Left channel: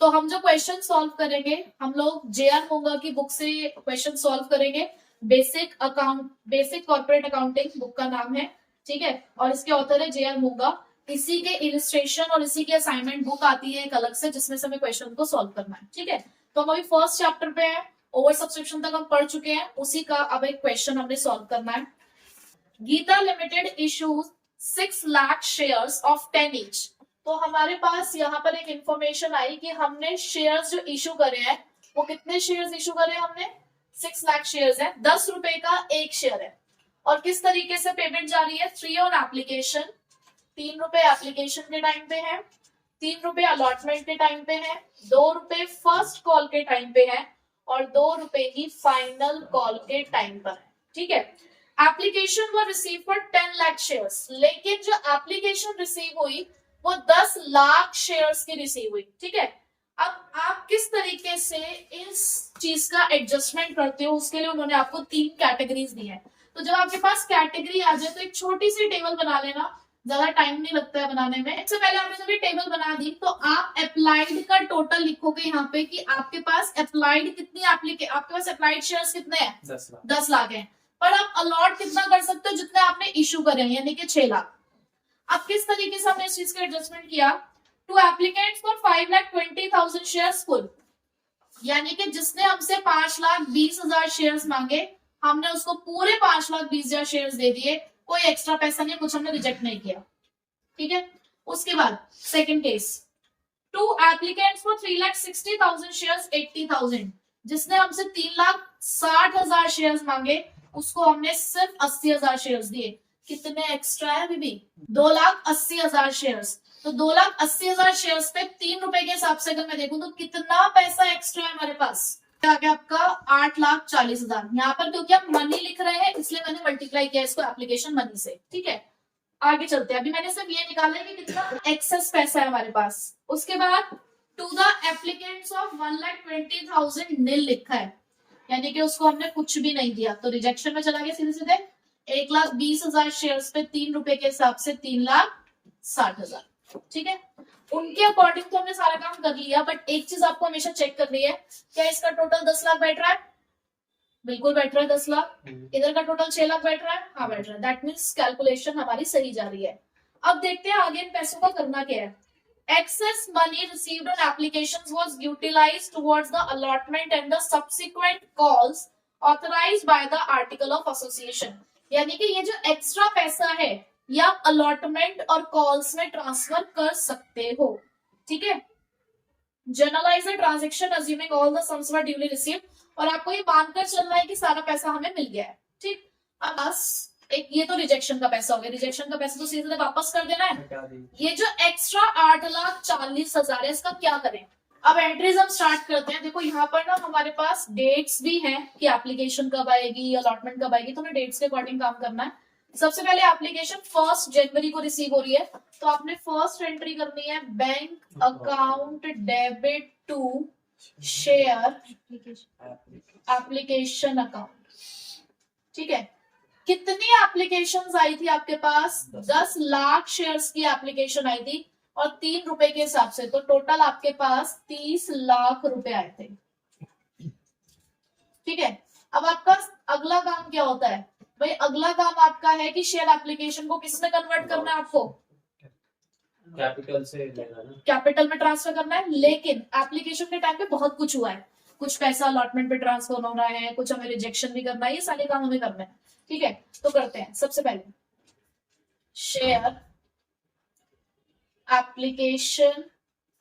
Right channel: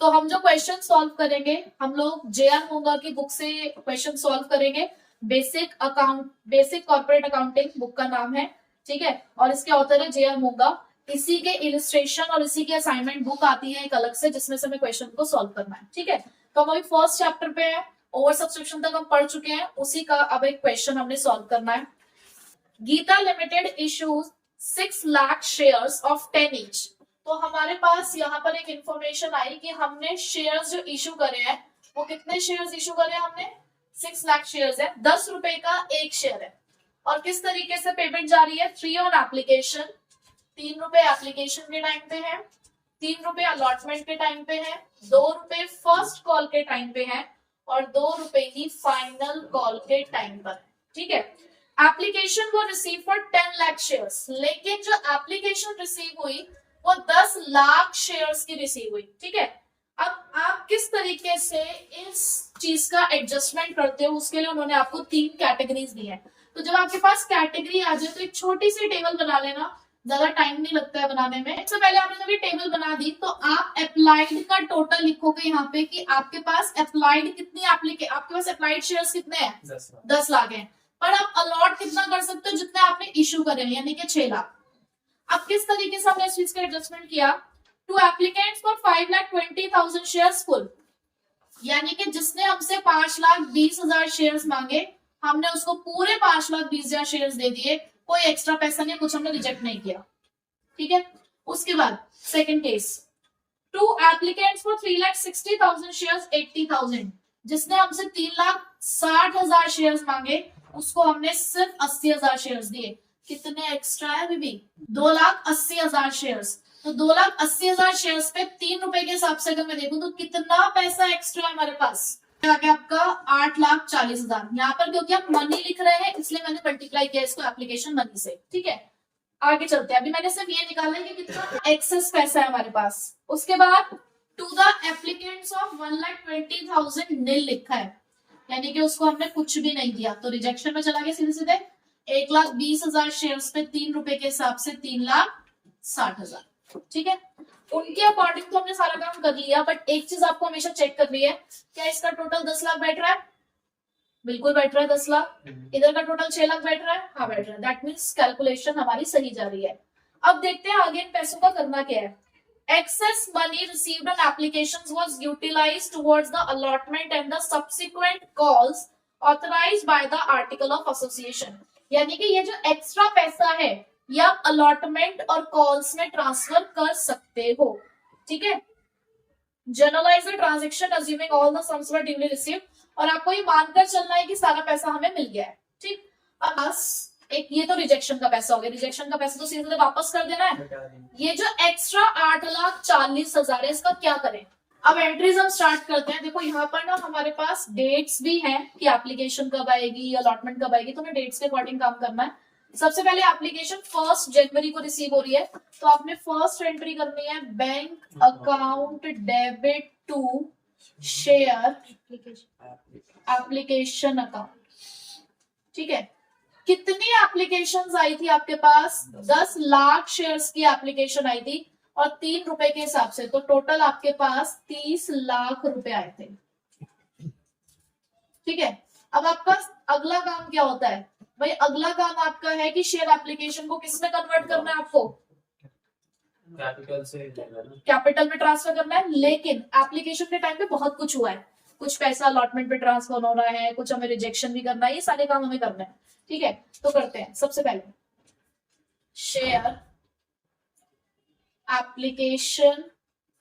तो हम जो क्वेश्चन सॉल्व करेंगे, हम लोग जेआर मोंगा की बुक से क्वेश्चन सॉल्व करेंगे। बेसिक कॉर्पोरेट अकाउंटिंग बुक का नाम है, ठीक है, और इसके ऑथर है जेआर मोंगा। इसी के इलिस्ट्रेशन और इसी की असाइनमेंट बुक आती है एक अलग से, जिसमें से हमें क्वेश्चन को सॉल्व करना है, ठीक है। तो हम अभी फर्स्ट चैप्टर पे है, ओवर सब्सक्रिप्शन तक हम पढ़ चुके हैं, उसी का अब एक क्वेश्चन हमने सॉल्व करना है। Geeta limited issues 6 lakh shares of 10 each. तो हमारे पास यहाँ पर एक इंफॉर्मेशन आई कि हमने शेयर्स जो इशू करे हैं, वो कितने शेयर्स इशू करे हैं हमने, 6 लाख शेयर्स है, 10 रुपए का एक शेयर है। और किस तरीके से पेमेंट जा रही है, 3 ऑन एप्लीकेशन, 3 रुपए एप्लीकेशन के टाइम पे है, 3 रुपए अलॉटमेंट के टाइम पे है, 2 रुपए फर्स्ट कॉल के टाइम पे है, और 2 रुपए ही फाइनल कॉल के टाइम पर है, ठीक है। एप्लीकेशन वो रिसीव फॉर 10 लाख शेयर्स, लेकिन जो एप्लीकेशन रिसीव हुई वो 10 लाख शेयर्स की रिसीव हुई, ठीक है। अब आप किस तरीके से इस चीज का एडजस्टमेंट करते हो, उसके लिए उन्होंने आपको 3 कैटेगरीज दी है। तो जब आपके पास कैटेगरी आ जाए तो एक छोटी सी टेबल बना लेना, ज्यादा टाइम नहीं लगता है बनाने में। इससे पहले आपने जब ये टेबल बना दी तो आप अप्लाइड का टोटल लिखोगे यहाँ पे कि आपके पास अप्लाइड कितनी आपके पास अप्लाइड शेयर्स कितने हैं, 10 लाख है। पर आप अलॉट कितना कर सकते हो, जितना आपने इशू करे, यानी कि 6 लाख। अब किस तरीके से हमने इस चीज का एडजस्टमेंट किया, two applicants for 5,20,000 shares full, यानी कि जिसने हमसे 5,20,000 शेयर्स मांगे, हमने उसको पूरे 5,20,000 शेयर्स दे दिए, कोई एक्स्ट्रा पैसा नहीं, कुछ हमने रिजेक्ट नहीं किया, ठीक है। उसके बाद second case, two applicants for 3,60,000 shares 80,000, जिसने हमसे 3,60,000 शेयर्स मांगे, उसको हमने सिर्फ 80,000 शेयर्स दिए। कितने एक्स्ट्रा है बीबी, 2,80,000 शेयर्स। तो 2,80,000 शेयर्स पे 3 रुपए के हिसाब से अगर मैं देखूं तो कितना पैसा एक्स्ट्रा है हमारे पास, क्या क्या आपका 8,40,000। यहाँ पर क्योंकि आप मनी लिख रहे हैं इसलिए मैंने मल्टीप्लाई किया इसको एप्लीकेशन मनी से, ठीक है। आगे चलते हैं, अभी मैंने सिर्फ ये निकाला है कि कितना एक्सेस पैसा है हमारे पास। उसके बाद टू द एप्लीकेंट्स ऑफ 1,20,000 नील लिखा है, यानी कि उसको हमने कुछ भी नहीं दिया, तो रिजेक्शन में चला गया सीधे सीधे। 1,20,000 शेयर्स पे 3 रुपए के हिसाब से 3,60,000, ठीक है। उनके अकॉर्डिंग तो हमने सारा काम कर लिया, बट एक चीज आपको हमेशा चेक करनी है, क्या इसका टोटल 10 लाख बैठ रहा है, बिल्कुल बैठ रहा है 10 लाख। इधर का टोटल 6 लाख बैठ रहा है, हाँ बैठ रहा है, दैट मीन्स कैलकुलेशन हमारी सही जा रही है। अब देखते हैं आगे इन पैसों का करना क्या है। Excess money received on applications was utilized towards the allotment and the subsequent calls authorized by the article of association, यानी कि ये जो एक्स्ट्रा पैसा है ये आप अलॉटमेंट और कॉल्स में ट्रांसफर कर सकते हो, ठीक है। Generalized the transaction assuming all the sums were duly received, और आपको ये मानकर चलना है कि सारा पैसा हमें मिल गया है, ठीक। अब बस एक ये तो रिजेक्शन का पैसा हो गया, रिजेक्शन का पैसा तो सीधे वापस कर देना है। ये जो एक्स्ट्रा 8,40,000 है इसका क्या करें। अब एंट्रीज हम स्टार्ट करते हैं। देखो यहाँ पर ना हमारे पास डेट्स भी हैं कि एप्लीकेशन कब आएगी, अलॉटमेंट कब आएगी, तो हमें डेट्स के अकॉर्डिंग काम करना है। सबसे पहले एप्लीकेशन 1 जनवरी को रिसीव हो रही है, तो आपने फर्स्ट एंट्री करनी है, bank account debit to share application account, ठीक है। कितनी एप्लीकेशंस आई थी आपके पास, 10 लाख शेयर्स की एप्लीकेशन आई थी और 3 रुपए के हिसाब से, तो टोटल आपके पास 30 लाख रुपए आए थे, ठीक है। अब आपका अगला काम क्या होता है भाई, अगला काम आपका है कि शेयर एप्लीकेशन को किस में कन्वर्ट करना है, आपको कैपिटल से कैपिटल में ट्रांसफर करना है। लेकिन एप्लीकेशन के टाइम पे बहुत कुछ हुआ है, कुछ पैसा अलॉटमेंट पे ट्रांसफर होना है, कुछ हमें रिजेक्शन भी करना है, ये सारे काम हमें करने हैं, ठीक है। तो करते हैं, सबसे पहले share application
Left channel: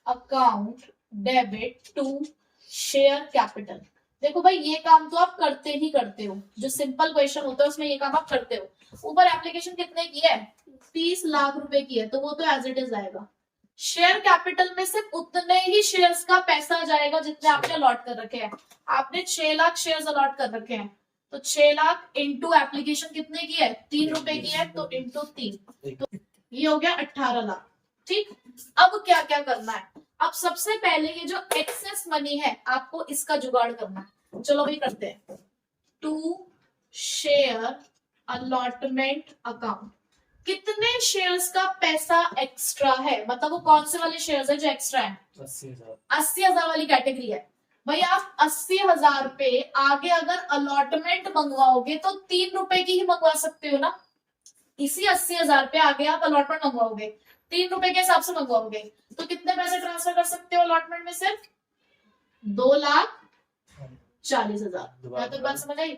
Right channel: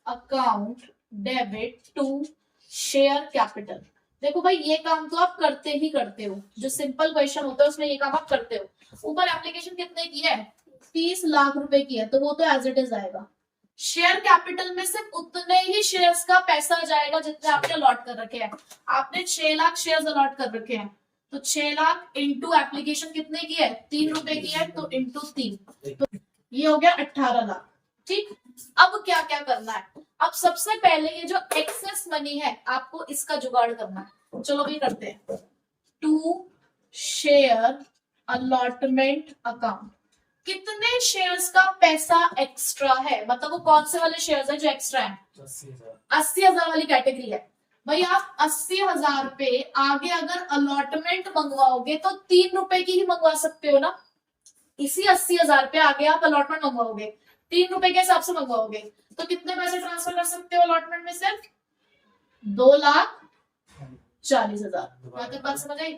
account debit to share capital. देखो भाई ये काम तो आप करते ही करते हो, जो सिंपल क्वेश्चन होता है उसमें ये काम आप करते हो। ऊपर एप्लीकेशन कितने की है, 30 लाख रुपए की है, तो वो तो एज इट इज आएगा। शेयर कैपिटल में सिर्फ उतने ही शेयर्स का पैसा जाएगा जितने आपने अलॉट कर रखे हैं। आपने 6 लाख शेयर्स अलॉट कर रखे हैं, तो 6 लाख इंटू एप्लीकेशन कितने की है, 3 रुपए की है, तो इंटू 3, तो ये हो गया 18 लाख, ठीक। अब क्या क्या करना है, अब सबसे पहले ये जो एक्सेस मनी है आपको इसका जुगाड़ करना है। चलो भाई करते हैं। टू शेयर अलॉटमेंट अकाउंट, कितने शेयर्स का पैसा एक्स्ट्रा है, मतलब वो कौन से वाले शेयर्स है जो एक्स्ट्रा है? 80,000 वाली कैटेगरी है भाई। आप 80,000 पे आगे अगर अलॉटमेंट मंगवाओगे तो 3 रुपए की ही मंगवा सकते हो ना। इसी 80,000 पे आगे आप अलॉटमेंट मंगवाओगे 3 रुपए के हिसाब से मंगवाओगे, तो कितने पैसे ट्रांसफर कर सकते हो अलॉटमेंट में? सिर्फ 2,40,000। यहाँ तक बात समझ आई?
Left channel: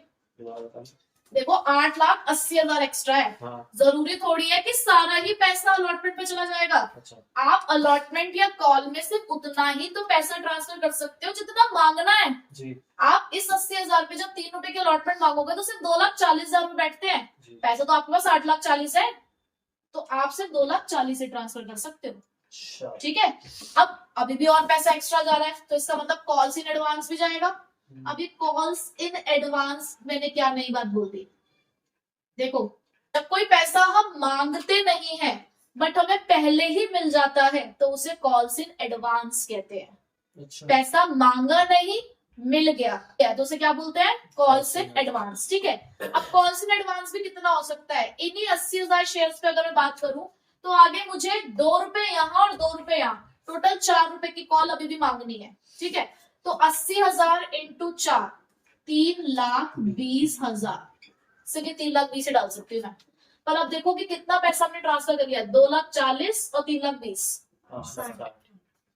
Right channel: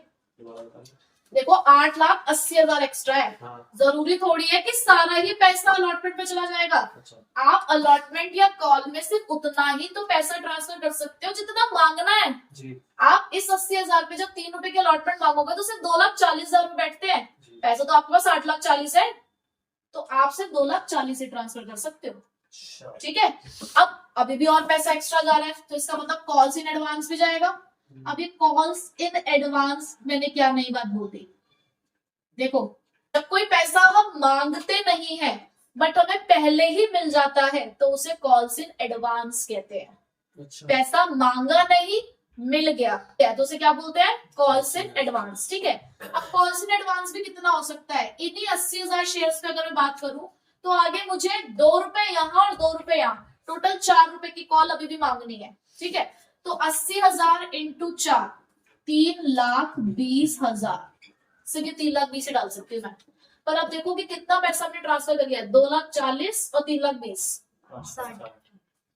देखो 8,80,000 एक्स्ट्रा है। हाँ। जरूरी थोड़ी है कि सारा ही पैसा अलॉटमेंट पे चला जाएगा। अच्छा। आप अलॉटमेंट या कॉल में सिर्फ उतना ही तो पैसा ट्रांसफर कर सकते हो जितना मांगना है जी। आप इस 80,000 पे जब 3 रुपए की अलॉटमेंट मांगोगे तो सिर्फ 2,40,000 रुपए बैठते हैं। पैसा तो आपके पास 8,40,000 है, तो आप सिर्फ 2,40,000 ट्रांसफर कर सकते हो। ठीक है। अब अभी भी और पैसा एक्स्ट्रा जा रहा है, तो इसका मतलब कॉल्स इन एडवांस भी जाएगा। अभी कॉल्स इन एडवांस मैंने क्या नई बात बोल दी? देखो, जब कोई पैसा हम मांगते नहीं है बट हमें पहले ही मिल जाता है तो उसे कॉल्स इन एडवांस कहते हैं। अच्छा। पैसा मांगा नहीं, मिल गया तो उसे क्या बोलते हैं? Calls in advance. ठीक है। अब कॉल्स इन एडवांस भी कितना हो सकता है? इन्हीं 80,000 शेयर्स पे अगर मैं बात करूं तो आगे मुझे 2 रुपए यहाँ और 2 रुपए यहाँ, टोटल 4 रुपए की कॉल अभी भी मांगनी है। ठीक है। तो 80,000 इंटू 4, 3,20,000 से 3,20,000 से डाल सकती हूँ मैं। पर अब देखो कि कितना पैसा हमने ट्रांसफर कर लिया, 2,40,000 और 3,20,000,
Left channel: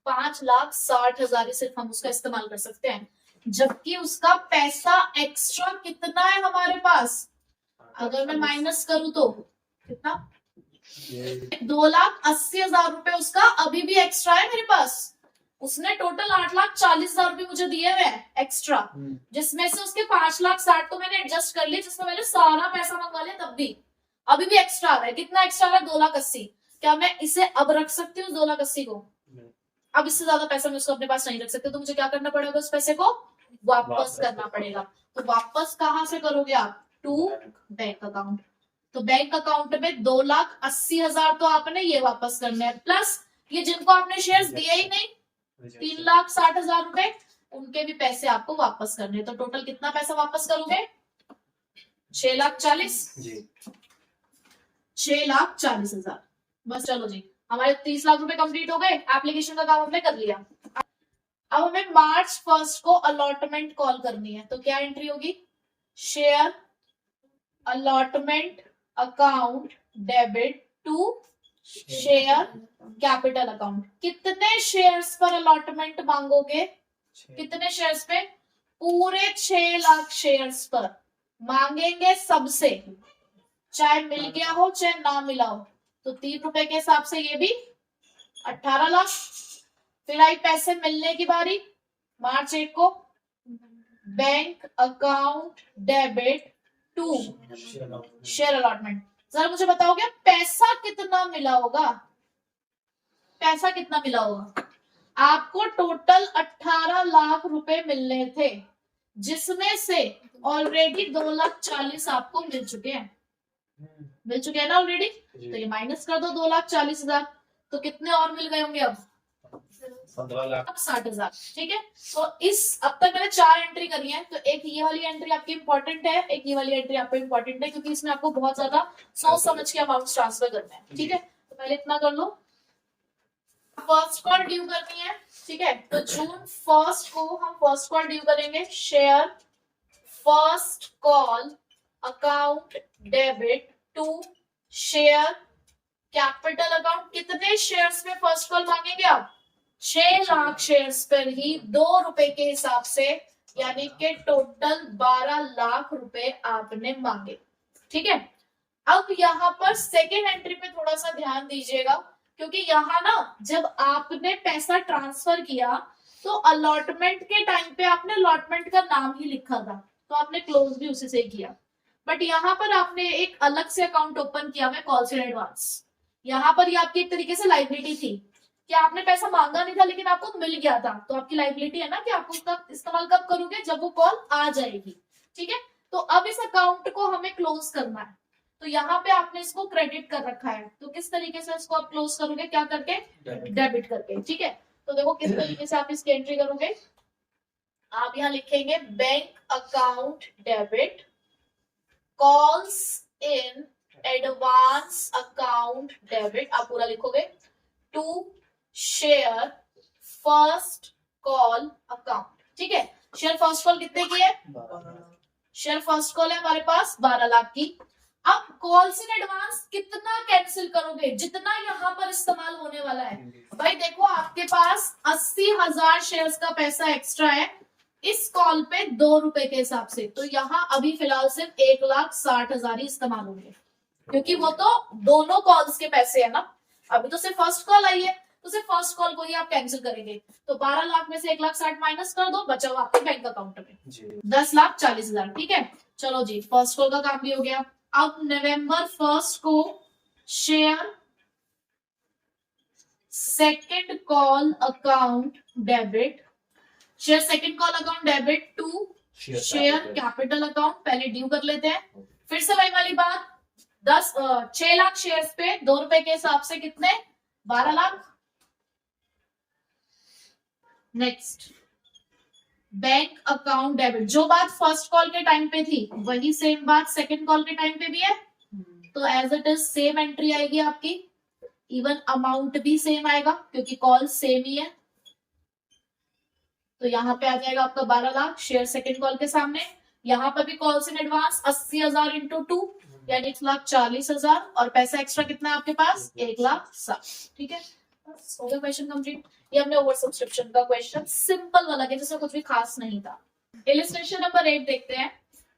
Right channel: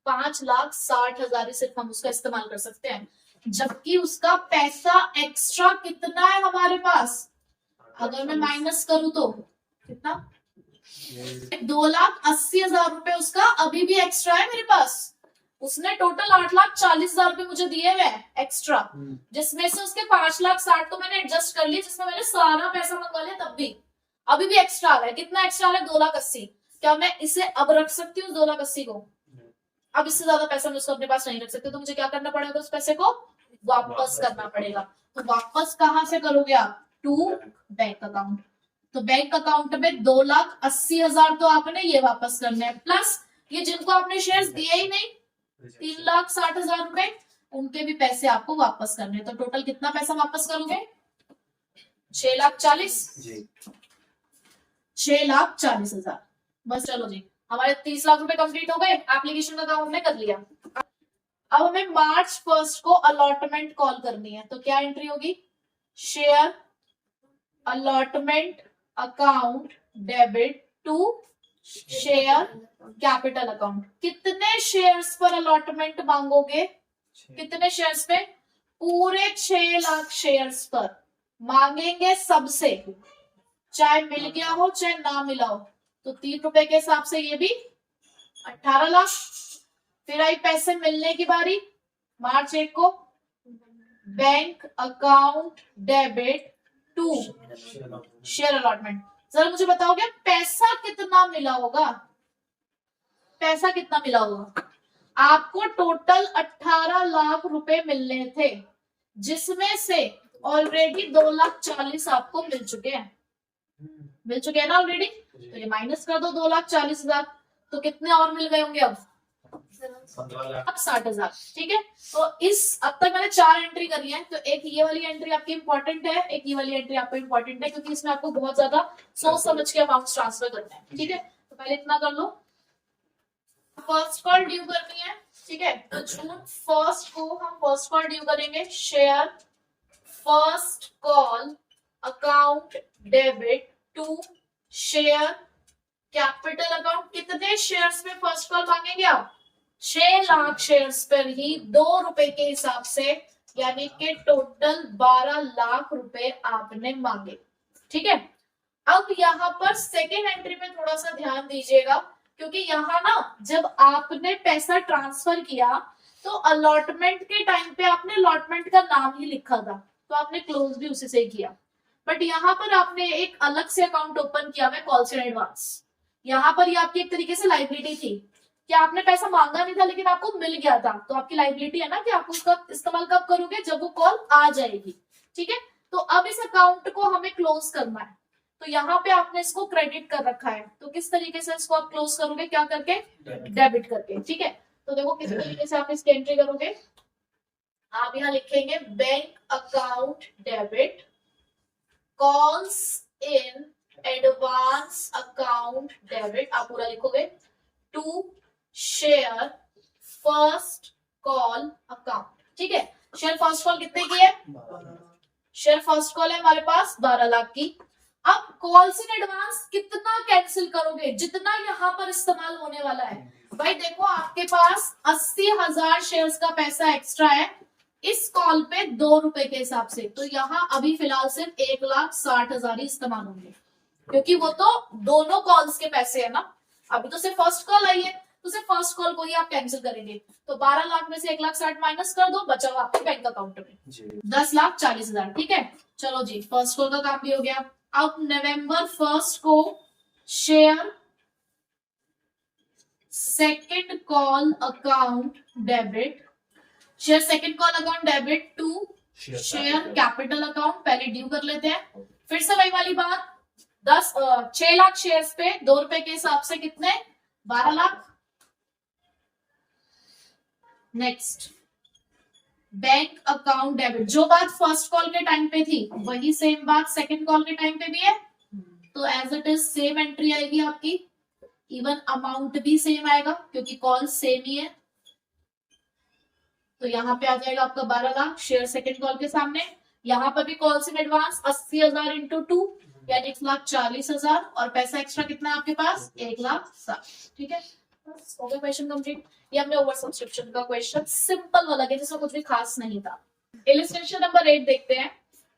5,60,000 ही सिर्फ हम उसका इस्तेमाल कर सकते हैं, जबकि उसका पैसा एक्स्ट्रा कितना है हमारे पास? अगर मैं माइनस करूं तो कितना? 2,80,000 रुपए उसका अभी भी एक्स्ट्रा है मेरे पास। उसने टोटल 8,40,000 रुपए मुझे दिए हुए हैं एक्स्ट्रा, जिसमें से उसके 5,60,000 तो मैंने एडजस्ट कर लिया, जिसमें मैंने सारा पैसा मंगवा लिया, तब भी अभी भी एक्स्ट्रा आ रहा है। कितना एक्स्ट्रा आ रहा है? 2,80,000। क्या मैं इसे अब रख सकती हूँ 2,80,000 को? अब इससे ज्यादा पैसा मैं उसको अपने पास नहीं रख सकती, तो मुझे क्या करना पड़ेगा? उस पैसे को वापस करना पड़ेगा। तो वापस कहाँ से करोगे आप? To bank account. तो बैंक अकाउंट में 2,80,000 तो आपने ये वापस करना है, प्लस ये जिनको आपने शेयर्स दिए ही नहीं 3,60,000 रुपए, उनके भी पैसे आपको वापस करने हैं। तो टोटल कितना पैसा वापस करोगे? 6,40,000। 6,40,000। बस चलो जी, हमारे 30 लाख रुपए कंप्लीट हो गए। एप्लीकेशन का काम हमने कर लिया। अब हमें March 1 को अलॉटमेंट कॉल करनी है, तो क्या एंट्री होगी? Share allotment account debit to share capital account. कितने शेयर्स पर अलॉटमेंट मांगोगे? कितने शेयर्स पे? पूरे 6 लाख शेयर्स पर मांगेंगे सबसे, चाहे मिल गया हो चाहे ना मिला हो। तो 3 रुपए के हिसाब से ये भी 18 लाख। फिर आई पैसे मिलने की बारी। March 1 को bank account debit to share allotment. जरा मुझे बताओगे पैसा कितना मिला होगा? पैसा कितना मिला होगा? आपको टोटल 18 लाख रुपए मिलने थे, जिसमें से ऑलरेडी 2,40,000 आपको मिल चुके हैं। मिल चुके हैं ना ऑलरेडी? तो ये माइनस कर दो 2,40,000, तो कितने और मिल गए होंगे? अब 60,000। ठीक है। तो इस अब तक मैंने 4 एंट्री करी है, तो एक ये वाली एंट्री आपकी इंपॉर्टेंट है, एक ये वाली एंट्री आपको इंपॉर्टेंट है, क्योंकि इसमें आपको बहुत ज्यादा सोच समझ के अमाउंट ट्रांसफर करना है। ठीक है। तो पहले इतना कर लो। फर्स्ट कॉल ड्यू करनी है। ठीक है। तो June 1 को हम फर्स्ट कॉल ड्यू करेंगे। Share first call account debit to share capital account. कितने शेयर्स में फर्स्ट कॉल मांगेंगे आप? 6 लाख शेयर्स पर ही 2 रुपए के हिसाब से, यानी कि टोटल 12 लाख रुपए आपने मांगे। ठीक है। अब यहाँ पर सेकेंड एंट्री पे थोड़ा सा ध्यान दीजिएगा, क्योंकि यहाँ ना जब आपने पैसा ट्रांसफर किया तो अलॉटमेंट के टाइम पे आपने अलॉटमेंट का नाम ही लिखा था, तो आपने क्लोज भी उसी से किया। बट यहाँ पर आपने एक अलग से अकाउंट ओपन किया है कॉल्स इन एडवांस। यहाँ पर ये आपकी एक तरीके से लाइबिलिटी थी कि आपने पैसा मांगा नहीं था लेकिन आपको मिल गया था, तो आपकी लाइबिलिटी है ना कि आप उसका इस्तेमाल कब करोगे? जब वो कॉल आ जाएगी। ठीक है। तो अब इस अकाउंट को हमें क्लोज करना है, तो यहाँ पे आपने इसको क्रेडिट कर रखा है, तो किस तरीके से इसको आप क्लोज करोगे? क्या करके? डेबिट करके। ठीक है। तो देखो किस तरीके से आप इसकी एंट्री करोगे। आप यहाँ लिखेंगे bank account debit calls in advance account debit, आप पूरा लिखोगे, to share first call account. ठीक है, शेयर फर्स्ट कॉल कितने की है? शेयर फर्स्ट कॉल है हमारे पास 12 लाख की। अब कॉल्स इन एडवांस कितना कैंसिल करोगे? जितना यहाँ पर इस्तेमाल होने वाला है। भाई देखो, आपके पास 80,000 शेयर्स का पैसा एक्स्ट्रा है इस कॉल पे 2 रुपए के हिसाब से, तो यहाँ अभी फिलहाल सिर्फ 1,60,000 ही इस्तेमाल होंगे, क्योंकि वो तो दोनों कॉल्स के पैसे है ना। अभी तो सिर्फ फर्स्ट कॉल आई है, तो सिर्फ फर्स्ट कॉल को ही आप कैंसिल करेंगे। तो 12 लाख में से 1,60,000 माइनस कर दो, बचा हुआ आपके बैंक अकाउंट में 10,40,000। ठीक है, चलो जी, फर्स्ट कॉल का काम भी हो गया। अब नवंबर 1 को share second call account debit, share second call account debit to share capital account. पहले ड्यू कर लेते हैं, फिर से वही वाली बात, 6 लाख शेयर्स पे 2 रुपए के हिसाब से कितने? 12 lakh. Next, bank account debit. जो बात फर्स्ट कॉल के टाइम पे थी वही सेम बात सेकंड कॉल के टाइम पे भी है, तो as it is same entry आएगी आपकी, इवन अमाउंट भी सेम आएगा क्योंकि कॉल सेम ही है। तो यहाँ पे आ जाएगा आपका 12 लाख शेयर सेकंड कॉल के सामने। यहाँ पर भी कॉल्स इन एडवांस 80,000 इंटू 2 यानी 1,40,000, और पैसा एक्स्ट्रा कितना है आपके पास? 1,60,000। ठीक है, हो गया क्वेश्चन कंप्लीट। ये हमने ओवर सब्सक्रिप्शन का क्वेश्चन सिंपल वाला किया जिसमें कुछ भी खास नहीं था। इलस्ट्रेशन नंबर 8 देखते हैं।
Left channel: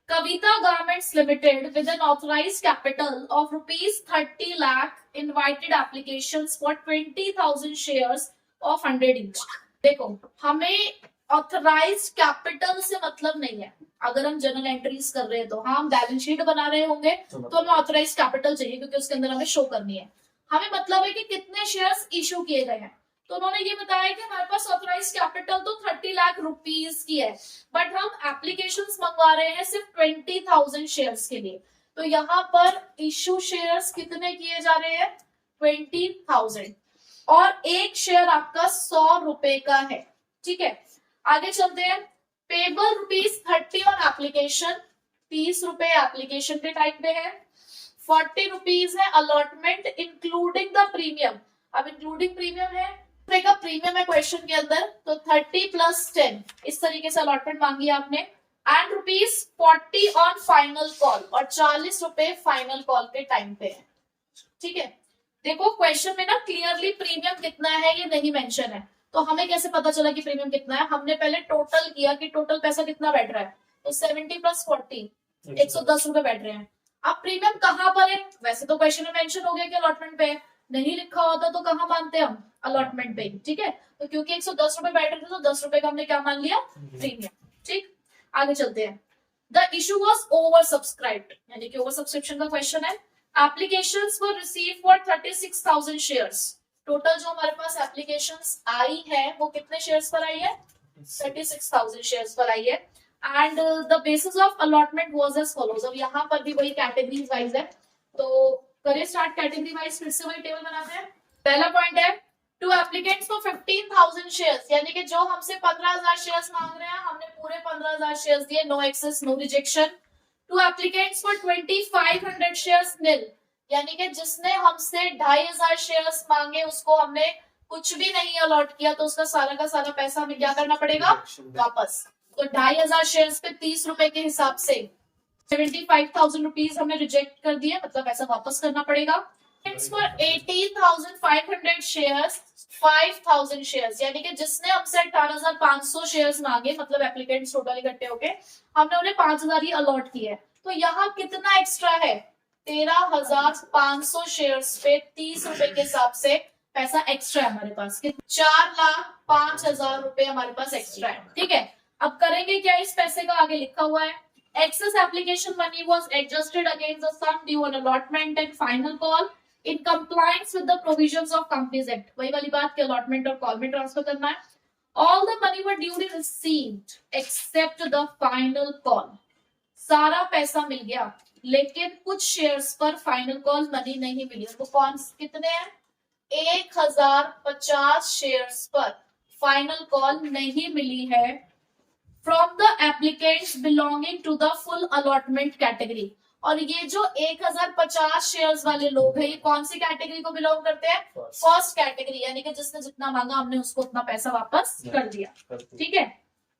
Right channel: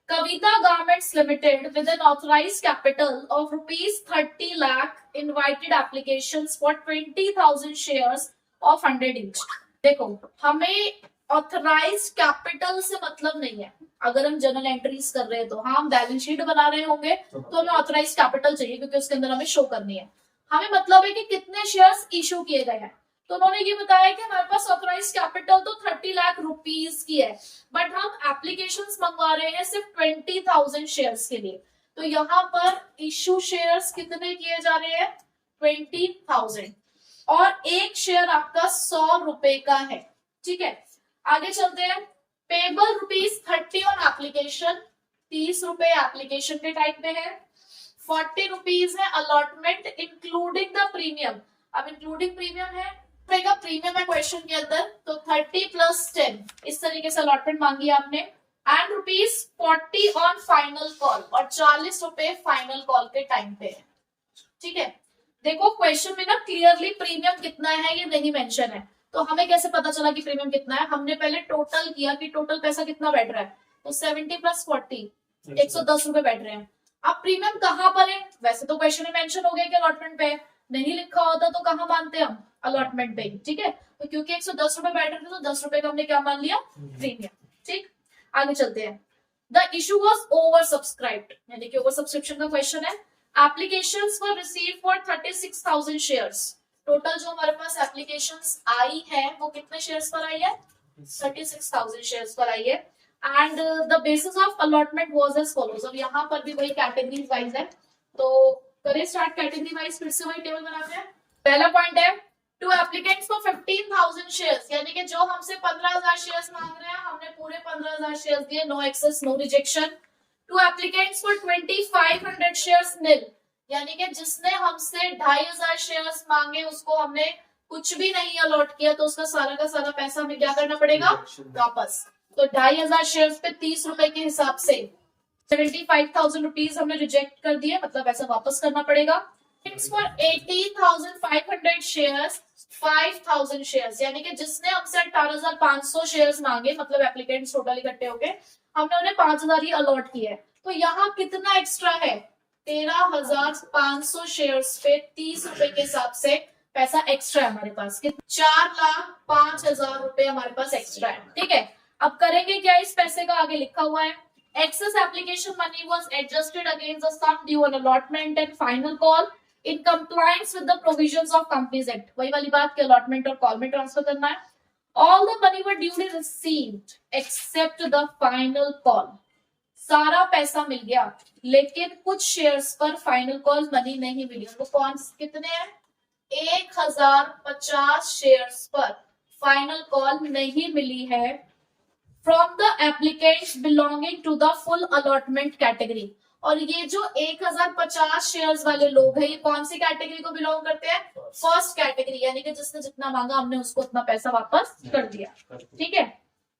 Kavita garments limited with an authorised capital of ₹30 lakh invited applications for 20,000 shares of 100 each. देखो, हमें ऑथराइज्ड कैपिटल से मतलब नहीं है। अगर हम जर्नल एंट्रीज कर रहे हैं तो हाँ, हम बैलेंस शीट बना रहे होंगे तो हमें ऑथराइज्ड कैपिटल चाहिए क्योंकि उसके अंदर हमें शो करनी है। हमें मतलब है कि कितने शेयर्स इशू किए गए हैं। तो उन्होंने ये बताया कि हमारे पास ऑथराइज्ड कैपिटल तो 30 लाख रुपीस की है, बट हम एप्लीकेशंस मंगवा रहे हैं सिर्फ 20,000 शेयर्स के लिए। तो यहाँ पर इशू शेयर्स कितने किए जा रहे हैं? 20,000, और एक शेयर आपका 100 रुपए का है। ठीक है, आगे चलते हैं। पेबल ₹30 ऑन एप्लीकेशन, 30 रुपए एप्लीकेशन के टाइम पे है। 40 रुपीज है अलॉटमेंट इंक्लूडिंग द प्रीमियम। अब इंक्लूडिंग प्रीमियम है, प्रीमियम है क्वेश्चन के अंदर, तो 30 + 10 इस तरीके से अलॉटमेंट मांगी आपने। एंड ₹40 ऑन फाइनल कॉल, और 40 रुपए फाइनल कॉल के टाइम पे है। ठीक है, देखो क्वेश्चन में ना क्लियरली प्रीमियम कितना है ये नहीं मेंशन है, तो हमें कैसे पता चला कि प्रीमियम कितना है? हमने पहले टोटल किया कि टोटल पैसा कितना बैठ रहा है, तो 70 + 40 110 रुपए बैठ रहे हैं। अब प्रीमियम कहाँ पर है? वैसे तो क्वेश्चन में मेंशन हो गया कि अलॉटमेंट पे है, नहीं लिखा होता तो कहाँ मानते हम? अलॉटमेंट पे। ठीक है, तो क्योंकि 110 रुपए बैठ रहे थे तो 10 रुपए का हमने क्या मान लिया? प्रीमियम। ठीक, आगे चलते हैं। The issue was over subscribed, यानी कि ओवर सब्सक्रिप्शन का क्वेश्चन है। Applications were received for 36,000 shares. Total जो हमारे पास एप्लीकेशंस आई है वो कितने शेयर्स पर आई है? 36,000 शेयर्स पर आई है। And the basis of allotment was as follows. अब यहाँ पर भी वही कैटेगरीज वाइज है, तो करें स्टार्ट कैटेगरी वाइज, फिर से वही टेबल बनाते हैं। पहला पॉइंट है टू एप्लीकेंट्स फॉर 15,000 शेयर्स, यानी कि जो हमसे 15,000 शेयर्स मांग रहे हैं हमने पूरे 15,000 शेयर्स दिए, no excess no rejection. Two applicants for 2,500 shares nil, यानी कि जिसने हमसे 2,500 शेयर्स मांगे उसको हमने कुछ भी नहीं अलॉट किया, तो उसका सारा का सारा पैसा हमें क्या करना पड़ेगा? वापस। तो 2,500 शेयर्स पे 30 रुपए के हिसाब से 75,000 रुपीज हमने रिजेक्ट कर दिए, मतलब पैसा वापस करना पड़ेगा। फॉर 18,500 शेयर्स 5,000 शेयर्स, यानी कि जिसने हमसे 18,500 शेयर्स मांगे, मतलब एप्लीकेंट्स टोटल इकट्ठे होके हमने उन्हें 5,000 ही अलॉट किए हैं। तो यहाँ कितना एक्स्ट्रा है? 13,500 शेयर्स पे 30 रुपए के हिसाब से पैसा एक्स्ट्रा है हमारे पास। 4,05,000 रुपए हमारे पास एक्स्ट्रा है। ठीक है, अब करेंगे क्या? इस पैसे का आगे लिखा हुआ है excess application money was adjusted against the sum due on allotment and final call in compliance with the provisions of Companies Act। वही वाली बात कि allotment और call में ट्रांसफर करना है। All the money were duly received except the final call। सारा पैसा मिल गया, लेकिन कुछ शेयर्स पर फाइनल कॉल मनी नहीं मिली। उनको कौन कितने हैं? 1,050 शेयर्स पर फाइनल कॉल नहीं मिली है from the applicants belonging to the full allotment category। और ये जो 1050 शेयर्स वाले लोग हैं, ये कौन सी कैटेगरी को बिलोंग करते हैं? फर्स्ट कैटेगरी, यानी कि जिसने जितना मांगा हमने उसको उतना पैसा वापस कर दिया। ठीक है।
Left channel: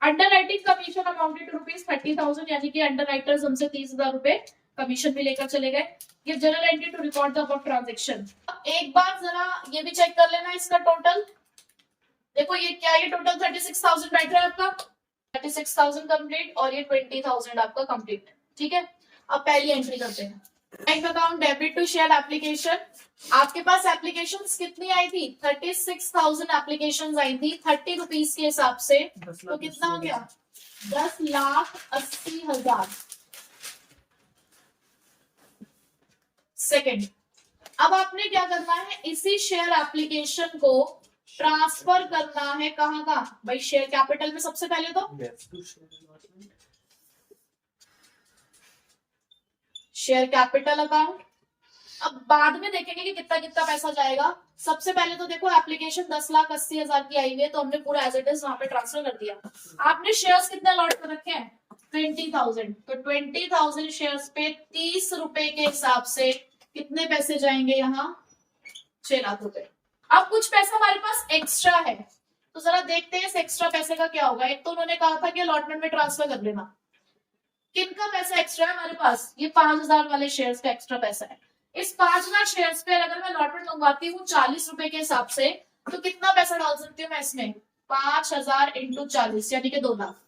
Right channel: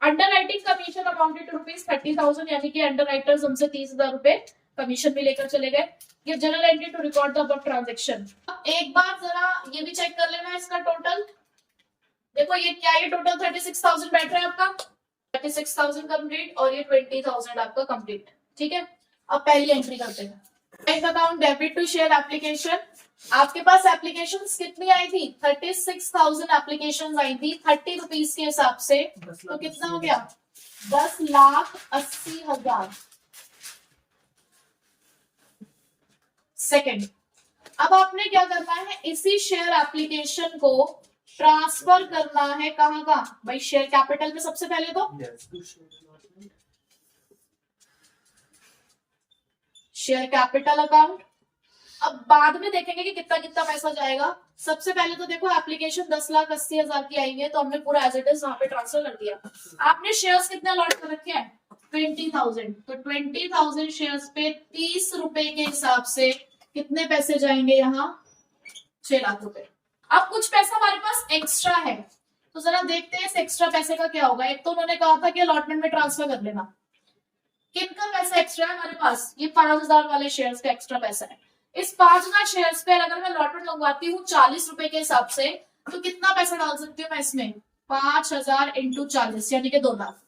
Underwriting commission amounted to ₹30,000, यानी कि अंडर राइटर्स उनसे 30,000 रुपए कमीशन भी लेकर चले गए। ये journal entry to record the above transaction. एक बार जरा ये भी चेक कर लेना इसका टोटल। देखो ये क्या है, ये टोटल 36,000 बैठ रहा है आपका, 36,000 कंप्लीट और ये 20,000 आपका कंप्लीट। ठीक है। अब पहली एंट्री करते हैं। Bank account debit to share application. आपके पास एप्लीकेशंस कितनी आई थी? 36,000 एप्लीकेशंस आई थी 30 रुपीज के हिसाब से, तो कितना हो गया? 10,80,000। सेकेंड, अब आपने क्या करना है, इसी शेयर एप्लीकेशन को ट्रांसफर करना है कहां का भाई? शेयर कैपिटल में सबसे पहले तो शेयर कैपिटल अकाउंट। अब बाद में देखेंगे कि कितना कितना पैसा जाएगा। सबसे पहले तो देखो एप्लीकेशन 10,80,000 की आई हुई है, तो हमने पूरा एज इट इज वहां पे ट्रांसफर कर दिया। आपने शेयर्स कितने लॉट कर रखे हैं? 20,000। तो 20,000 शेयर्स पे 30 रुपए के हिसाब से कितने पैसे जाएंगे यहाँ? 6 लाख रुपए। अब कुछ पैसा हमारे पास एक्स्ट्रा है, तो जरा देखते हैं इस एक्स्ट्रा पैसे का क्या होगा। एक तो उन्होंने कहा था कि अलॉटमेंट में ट्रांसफर कर लेना। किनका पैसा एक्स्ट्रा है हमारे पास? ये 5,000 वाले शेयर्स का एक्स्ट्रा पैसा है। इस 5,000 शेयर्स पे अगर मैं अलॉटमेंट मंगवाती हूँ 40 रुपए के हिसाब से, तो कितना पैसा डाल सकती हूँ मैं इसमें? 5,000 इंटू 40 यानी कि 2 लाख।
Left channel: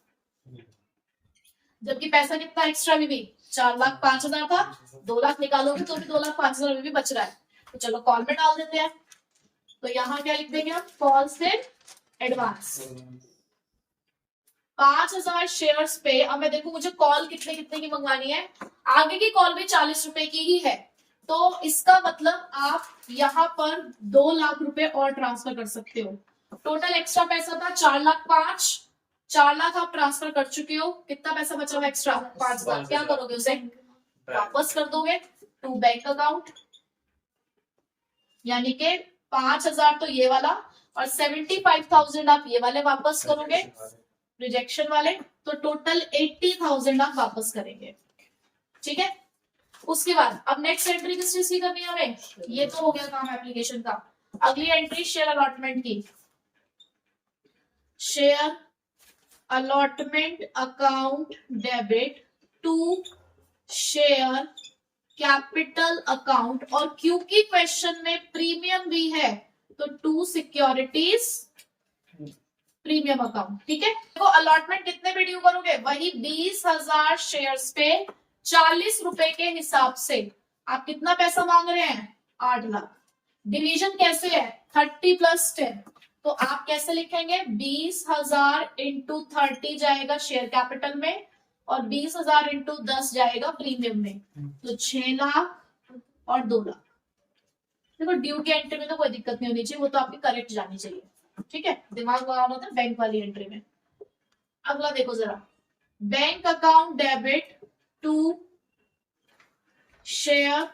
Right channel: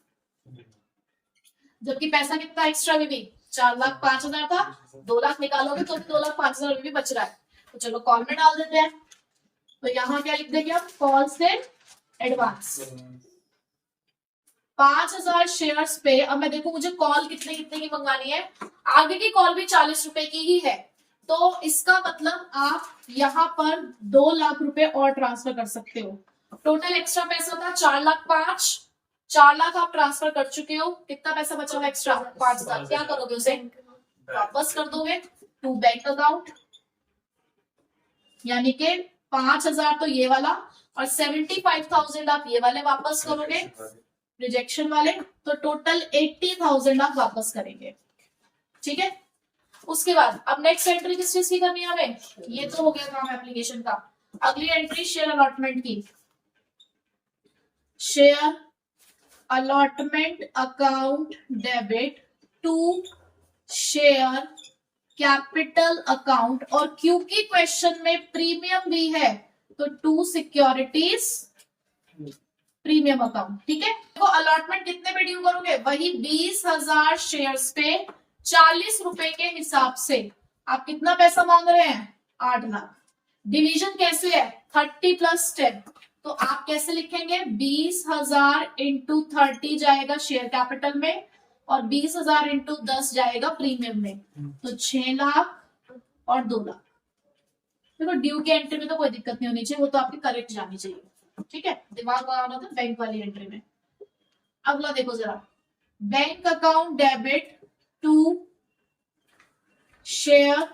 जबकि पैसा कितना एक्स्ट्रा भी 4,05,000 था, 2 लाख निकालोगे तो भी 2,05,000 भी बच रहा है। तो चलो कॉल में डाल देते हैं। तो यहाँ क्या लिख देंगे हम? Calls in advance. 5,000 शेयर्स पे अब मैं देखूं मुझे कॉल कितने कितने की मंगानी है। आगे की कॉल भी 40 रुपए की ही है, तो इसका मतलब आप यहाँ पर 2 लाख रुपए और ट्रांसफर कर सकते हो। टोटल एक्स्ट्रा पैसा था 4,05,000। 4 लाख आप ट्रांसफर कर चुके हो। कितना पैसा बचा हुआ एक्स्ट्रा? 5,000। क्या करोगे उसे? वापस कर दोगे टू बैंक अकाउंट, यानी कि 5,000 तो ये वाला और 75,000 आप ये वाले वापस करोगे, रिजेक्शन वाले। तो टोटल 80,000 आप वापस करेंगे। ठीक है। उसके बाद अब नेक्स्ट एंट्री किस चीज की करनी है हमें? ये तो हो गया काम एप्लीकेशन का। अगली एंट्री शेयर अलॉटमेंट की। Share allotment account debit to share capital account, और क्योंकि क्वेश्चन में प्रीमियम भी है तो टू सिक्योरिटीज प्रीमियम अकाउंट। ठीक है। तो अलॉटमेंट कितने पे ड्यू करोगे? वही 20,000 शेयर्स पे 40 रुपए के हिसाब से आप कितना पैसा मांग रहे हैं? 8 लाख। डिवीजन कैसे है? 30 प्लस 10। तो आप कैसे लिखेंगे? 20,000 इंटू 30 जाएगा शेयर कैपिटल में और 20,000 इंटू 10 जाएगा प्रीमियम में, तो 6 लाख और 2 लाख। देखो ड्यू की एंट्री में तो कोई दिक्कत नहीं होनी चाहिए, वो तो आपकी करेक्ट जानी चाहिए। ठीक है। दिमाग लगाना था बैंक वाली एंट्री में। अगला देखो जरा, bank account debit to share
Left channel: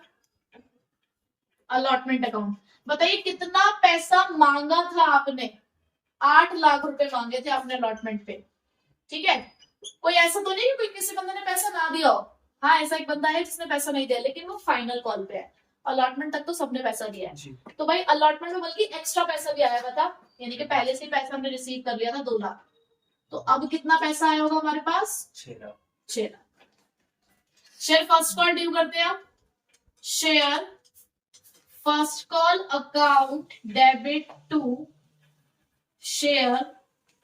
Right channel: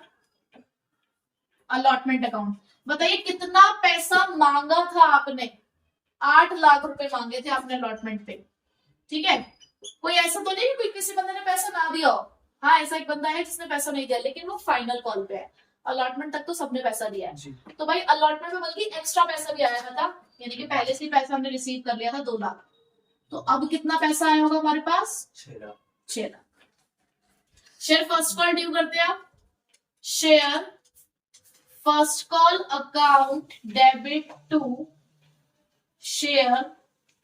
allotment account. बताइए कितना पैसा मांगा था आपने? 8 लाख रुपए मांगे थे आपने अलॉटमेंट पे। ठीक है। कोई ऐसा तो नहीं कि कोई किसी बंदे ने पैसा ना दिया हो। हाँ, ऐसा एक बंदा है जिसने पैसा नहीं दिया, लेकिन वो फाइनल कॉल पे है। अलॉटमेंट तक तो सबने पैसा दिया है। तो भाई अलॉटमेंट में बल्कि एक्स्ट्रा पैसा भी आया था, यानी कि पहले से पैसा हमने रिसीव कर लिया था 2 लाख। तो अब कितना पैसा आया होगा हमारे पास? 6 lakh. Share first call due करते हैं आप। Share first call account debit to share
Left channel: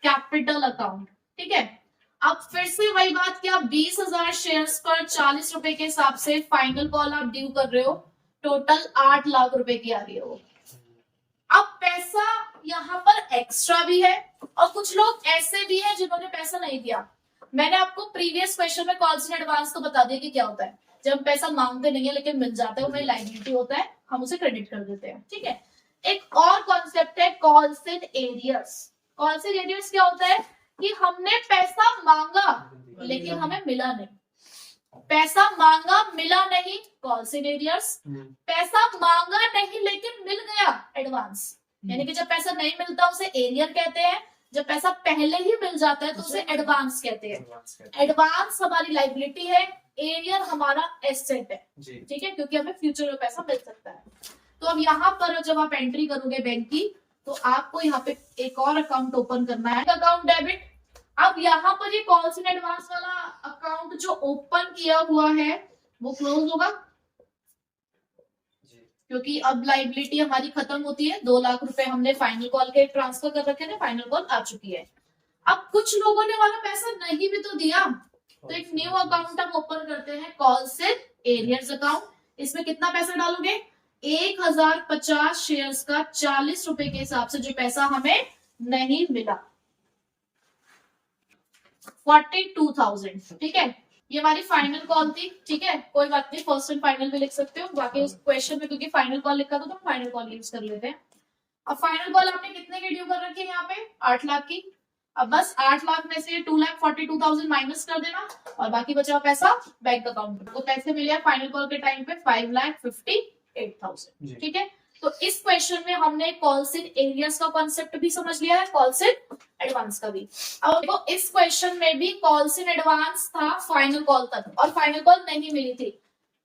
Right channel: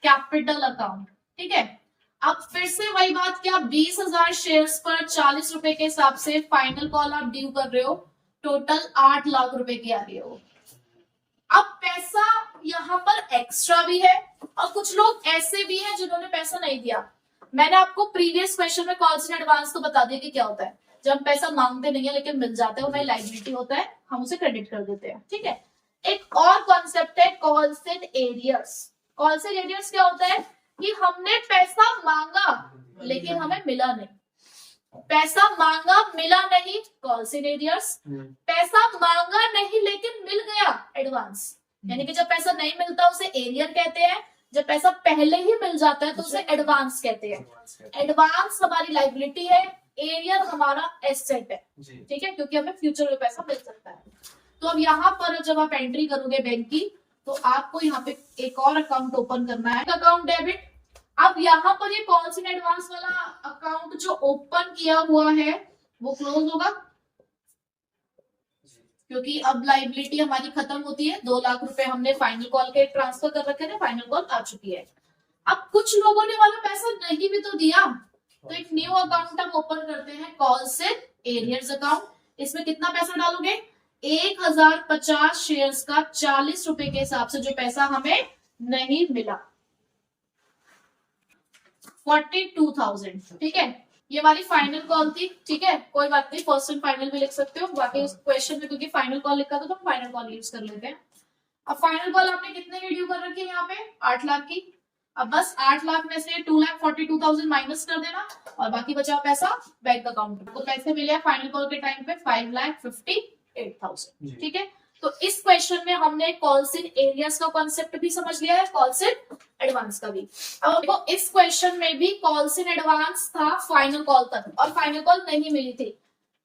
capital account. ठीक है। अब फिर से वही बात कि आप 20,000 शेयर्स पर 40 रुपए के हिसाब से फाइनल कॉल आप ड्यू कर रहे हो। टोटल 8 लाख रुपए की आ रही है वो। अब पैसा यहाँ पर एक्स्ट्रा भी है और कुछ लोग ऐसे भी हैं जिन्होंने पैसा नहीं दिया। मैंने आपको प्रीवियस क्वेश्चन में कॉल्स इन एडवांस तो बता दिया कि क्या होता है। जब हम पैसा मांगते नहीं है लेकिन मिल जाता है, वो हमारी लायबिलिटी होता है, हम उसे क्रेडिट कर देते हैं। ठीक है। एक और कॉन्सेप्ट है calls in arrears. Calls in arrears क्या होता है कि हमने पैसा मांगा लेकिन हमें मिला नहीं। पैसा मांगा मिला नहीं, कॉल्स इन एरियर्स। पैसा मांगा नहीं लेकिन मिल गया, एडवांस। यानी कि जब पैसा नहीं मिलता उसे एरियर कहते हैं, जब पैसा पहले ही मिल जाता है तो उसे एडवांस कहते हैं। एडवांस हमारी लाइबिलिटी है, एरियर हमारा एसेट है, ठीक है, क्योंकि हमें फ्यूचर में पैसा मिल सकता है। तो अब यहाँ पर जब आप एंट्री करोगे बैंक की, तो आपको यहाँ पे एक और अकाउंट ओपन करना है, अकाउंट डेबिट। अब यहाँ पर ये कॉल्स इन एडवांस वाला अकाउंट जो ओपन किया हुआ है वो क्लोज होगा, क्योंकि अब लाइबिलिटी हमारी खत्म होती है। 2 लाख रुपए हमने फाइनल कॉल के ट्रांसफर कर रखे थे, फाइनल कॉल आ चुकी है। अब कुछ लोगों ने वाला पैसा नहीं भी तो दिया, तो एक न्यू अकाउंट हम ओपन करते हैं, कॉल्स इन एरियर्स अकाउंट। इसमें कितना पैसा डालोगे? 1050 शेयर्स का 40 रुपए के हिसाब से जो पैसा हमें नहीं मिला, 42,000, ठीक है। ये हमारी फाइनल कॉल थी, ठीक है, कोई बात नहीं, फर्स्ट एंड फाइनल भी लिख सकते हो, बाकी उस क्वेश्चन में क्योंकि फाइनल कॉल लिखा था तो फाइनल कॉल यूज कर लेते हैं। अब फाइनल कॉल आपने कितने की ड्यू कर रखी है यहाँ पे? 8 लाख की। अब बस 8 लाख में से 2,42,000 माइनस कर देना और बाकी बचा पैसा बैंक अकाउंट में। तो पैसे मिले फाइनल कॉल के टाइम पे 5,58,000, ठीक है। तो इस क्वेश्चन में हमने कॉल्स इन एरियर्स का कॉन्सेप्ट भी समझ लिया है, कॉल्स इन एडवांस का भी। अब देखो इस क्वेश्चन में भी कॉल्स इन एडवांस था फाइनल कॉल तक, और फाइनल कॉल नहीं मिली थी।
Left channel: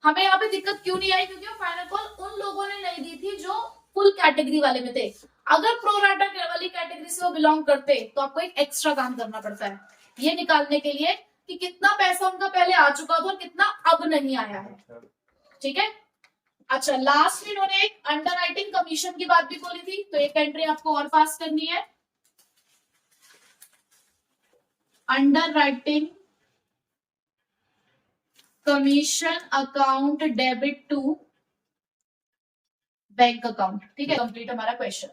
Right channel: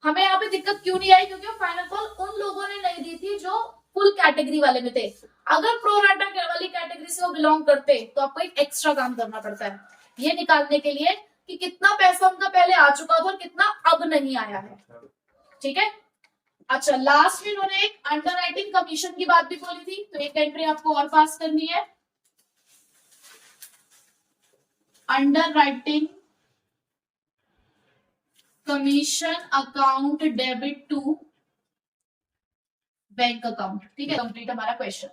हमें यहाँ पे दिक्कत क्यों नहीं आई? क्योंकि फाइनल कॉल उन लोगों ने नहीं दी थी जो फुल कैटेगरी वाले में थे। अगर प्रोराटा वाली कैटेगरी से वो बिलोंग करते तो आपको एक एक्स्ट्रा काम करना पड़ता है ये निकालने के लिए कि कितना पैसा उनका पहले आ चुका था और कितना अब नहीं आया है, ठीक है। अच्छा, लास्ट में इन्होंने एक अंडरराइटिंग कमीशन की बात भी बोली थी, तो एक एंट्री आपको और पास करनी है, underwriting commission account debit to bank account, ठीक है। कंप्लीट हमारा क्वेश्चन।